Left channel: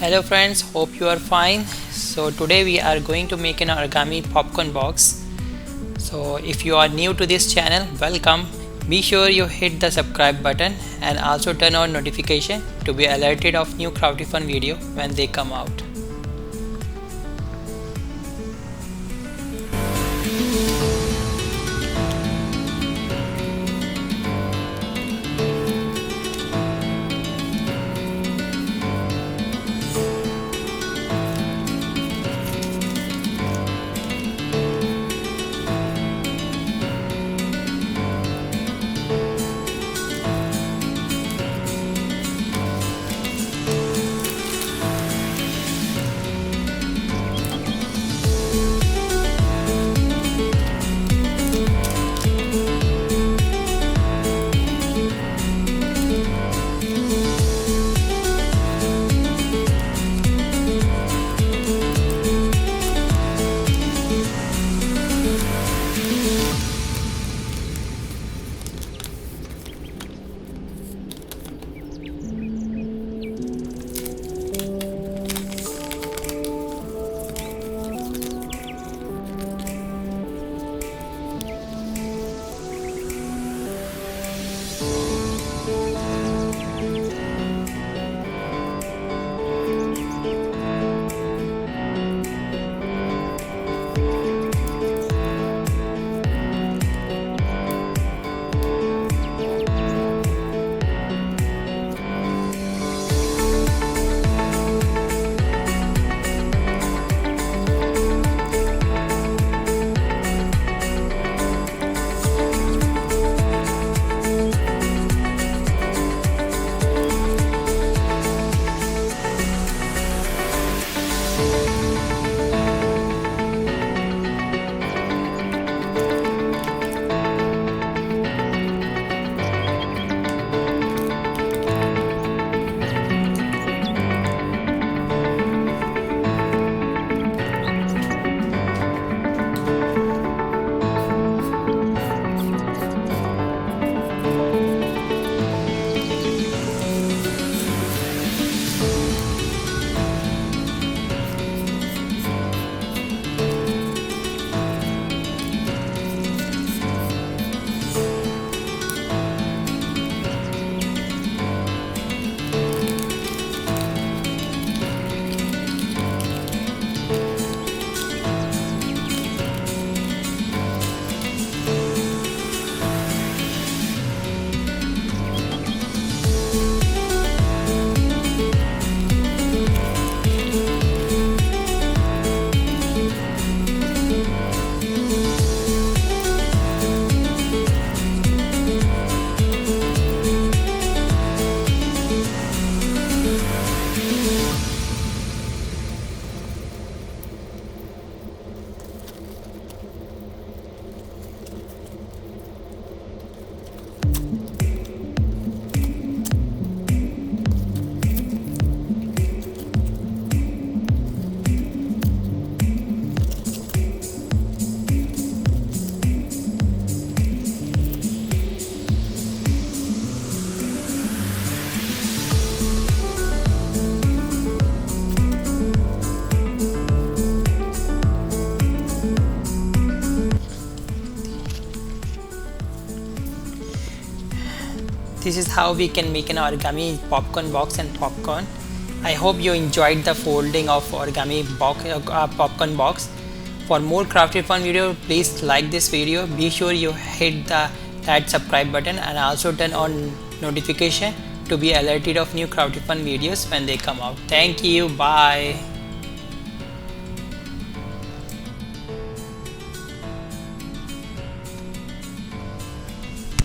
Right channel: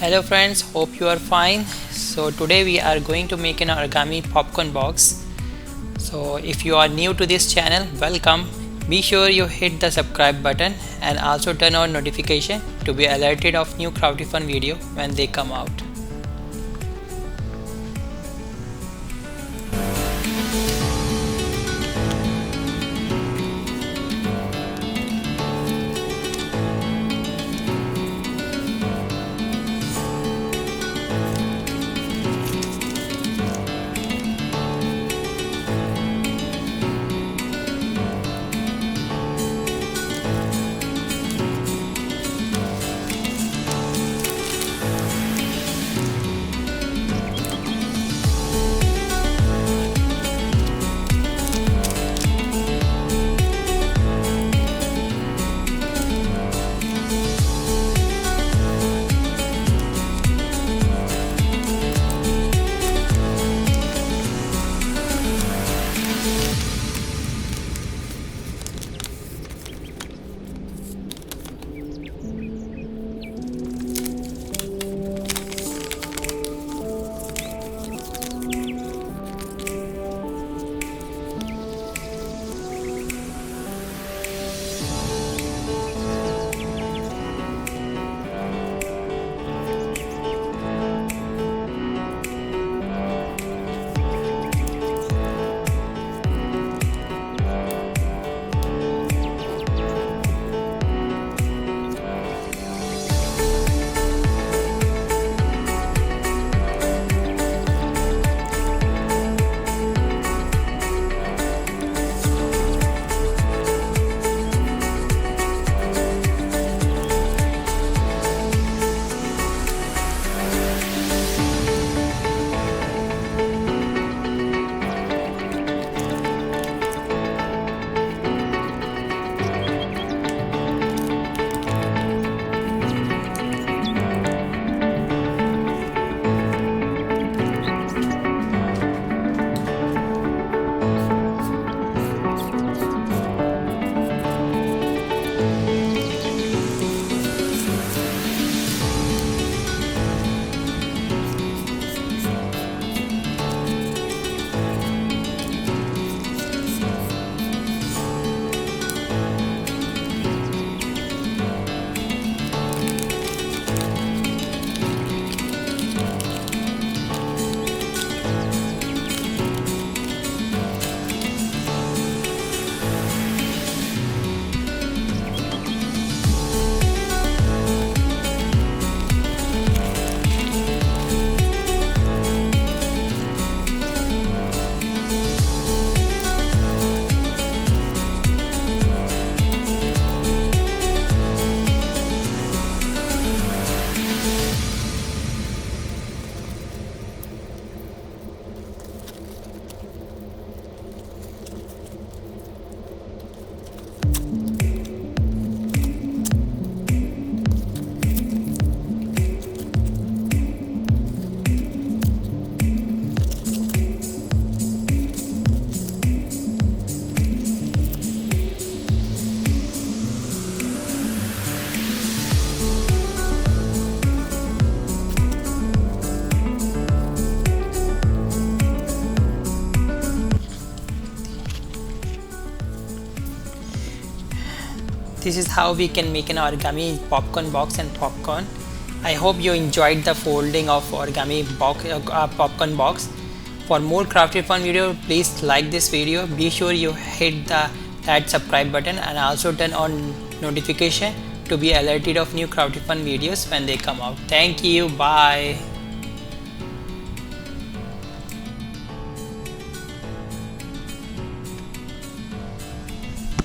Hello friends, hope you are fine. So today we are going to make an origami popcorn box. So if you are new to this channel, welcome. Be sure you hit the subscribe button and also turn on notification to be alerted of new crafty fun video when they come out. This is how we can make an origami popcorn box and popcorn. I hope you enjoyed the folding of origami popcorn box. For more crafty fun video, please like this video. Be sure you hit that subscribe button and also turn on notification to be alerted of new crafty fun videos when they come out. Thank you. Bye.